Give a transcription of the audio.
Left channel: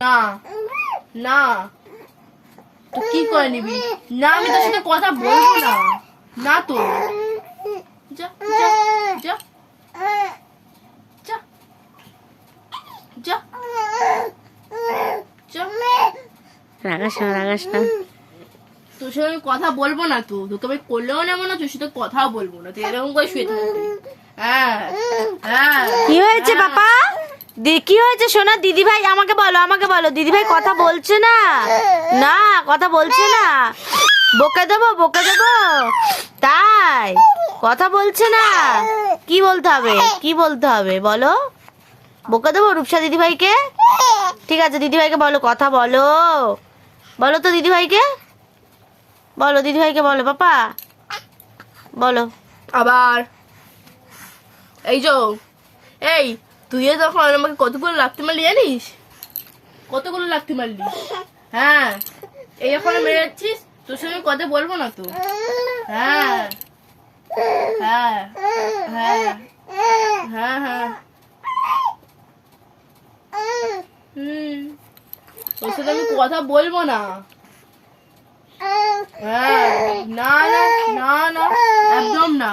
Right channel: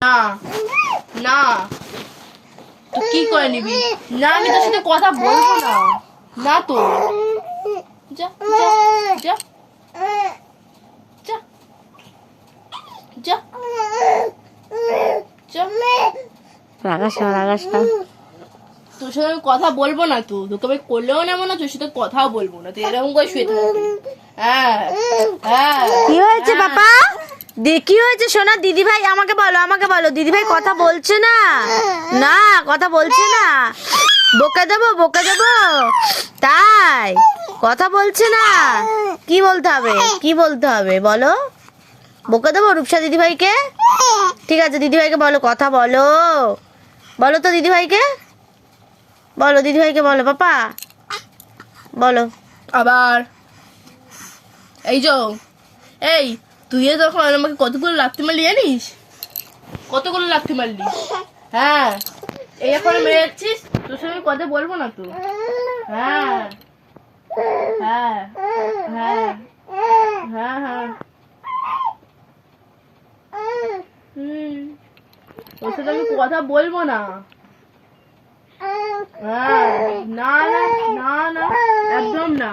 না না তুই কি করে নিবি? না আমি তোর সাথে কথা বলবো না। না তো যা যা যা যা যা রাগাস না রাগাস না। তোর সাথে আমি কথা বলবো না। তো তোকে আমি করলেও নেবো না, তোর সাথে কথাও বলবো না। তুই এরকম করে শুয়ে থাকবি। হ্যাঁ হ্যাঁ। কি হয়েছে বাবা? কি হয়েছে সোনা? দিদি ভাই আমাকে বলো দিদি ভাই কথা বলছে না। না কথা বলছে না। বকে দেবো তাই কথা বলছে না। কি বলতে হবে বলো? বকে দেবো রূপসা দিদি ভাইকে? ঠিক আছে দিদি ভাইকে বলো, কথা বলো তো দিদি ভাইকে বলো পাপা বলো। আবার এই তুই তখন আমাকে কতগুলো লাথি মারলি জানিস? কতগুলো লাথি মারলি? হ্যাঁ এই এখন মেরে যাচ্ছিস। তোর সঙ্গে কথা বলবো না তো। হ্যাঁ হ্যাঁ হ্যাঁ হ্যাঁ হ্যাঁ তোর সাথে আমি কথা বলবো না। হ্যাঁ না না না না একদম না।